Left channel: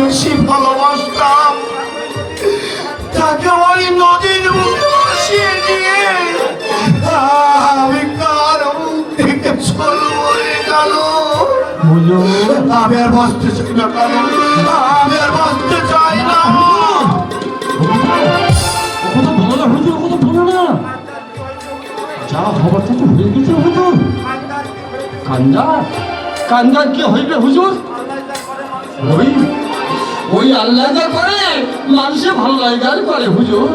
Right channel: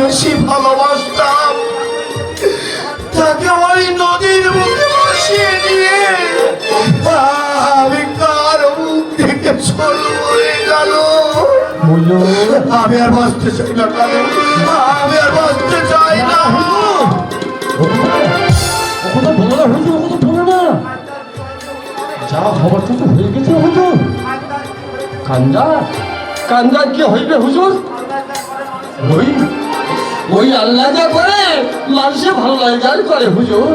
বেশি ভালোবাসতাম। তাকে ওই নদীর মুখে দিয়ে আমি কার মুখ থেকে চলবো রে কালো আমি আর বাঁচতে চাই না কালো আমি আর বাঁচতে চাই না। ও কথা বলো না হুজুর ও কথা বলো না। যা হবার তো হয়ে গেছে হুজুর। কান্দা কান্দা কি হইবে হুজুর? ওই আল্লাহ করে মানুষে ভালো লাগার করে হুজুর।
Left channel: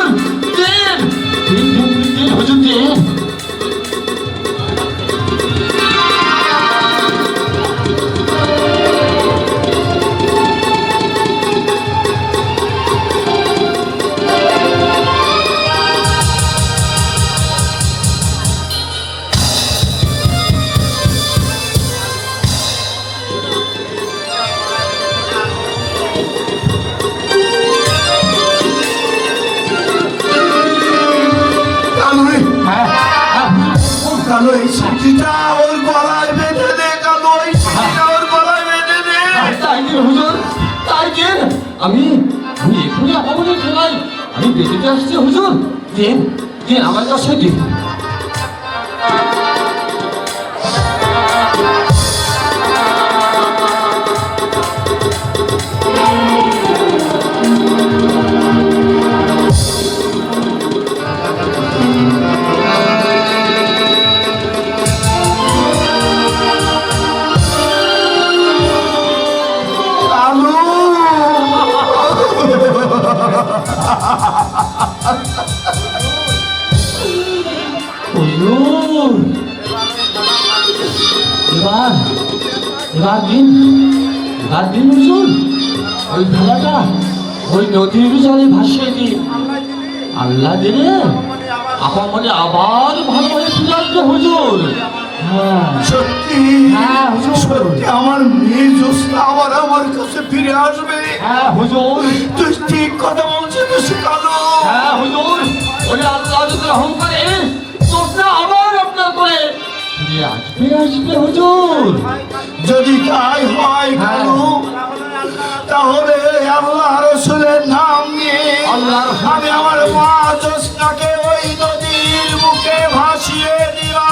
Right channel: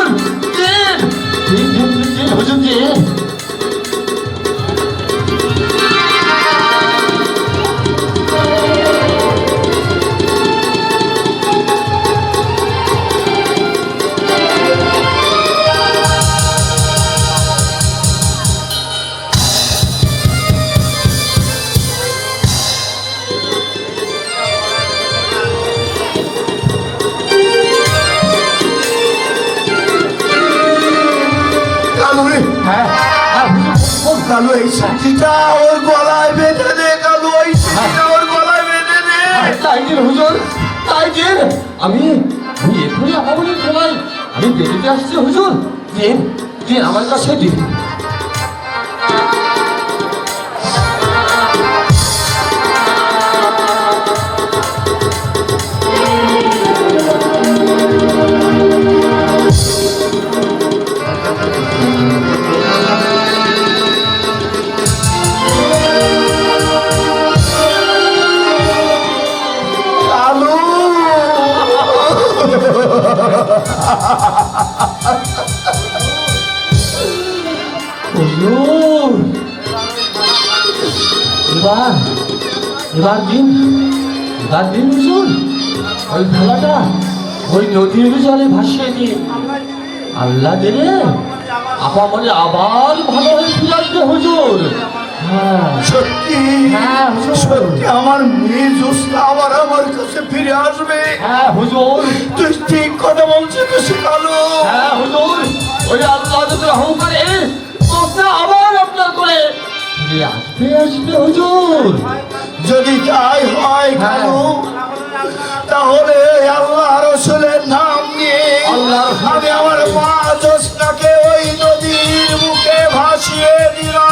দিন দিন দিন দিন হুজুর দিন কালো হুজুর কালো ওর গলায় বেঁধে দে, কালো, ওই গলায় বেঁধে দে। তাই দিন হুজুর? আমি আসছি হুজুর। দিন দিন আমার কাছে এবার দিন হুজুর ওই খেলাটা ওই নদীর জলে ভাসিয়ে দিন আল্লাহ দিলে আপা মনে আবার ভালো হয়ে ফিরে আসবে হুজুর। হ্যাঁ। সত্যি হ্যাঁ। সত্যি আমার মেয়ে জোসনা আবার আমার কাছে ফিরে আসবে। হ্যাঁ হুজুর। তুই ঠিক কথা বলছিস কালো হ্যাঁ হুজুর। ওই আল্লাহ যদি অহংকারে তোমরা আবার আপনার করে আসবে হুজুর যদি তাই হয় ভালো তাহলে আল্লাহ রসুলের নাম নিয়ে আল্লাহর আমি আমার মা জোসনাকে ওই নদীর মুখে ভাসিয়ে দিলাম।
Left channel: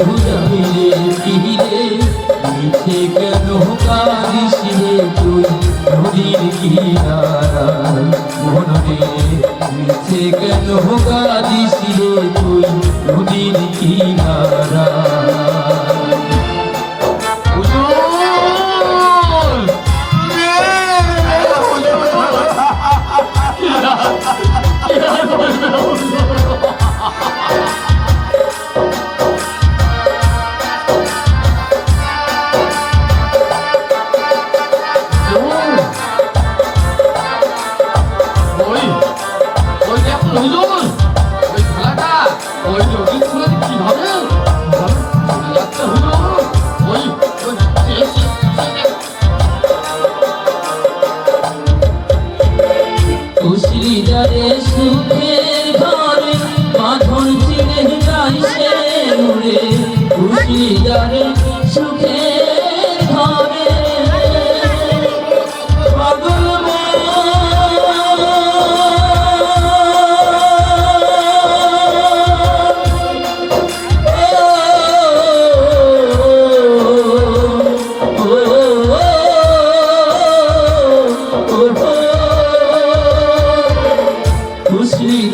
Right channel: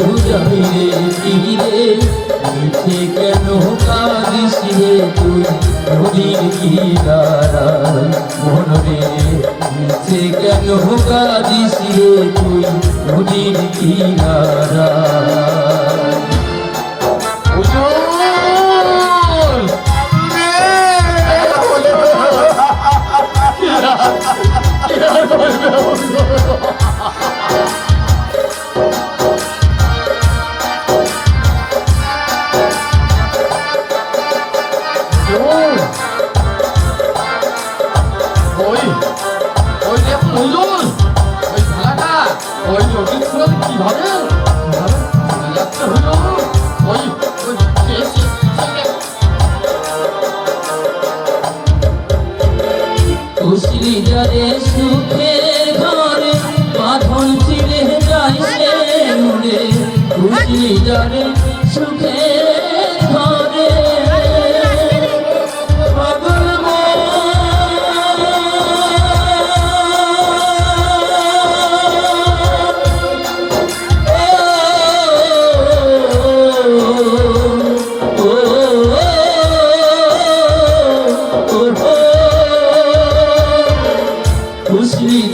কেউ চাহিলে কিহিরে মিথ্যে কেন কাঁদিসিরে তুই নদীর কিনারায় মনরে মিথ্যে কেন কাঁদিসিরে তুই নদীর কিনারায় কীভাবে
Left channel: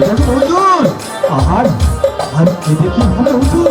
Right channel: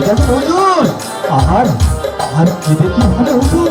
এটা সুন্দর আর আর কি দেখি ভালো হুজুর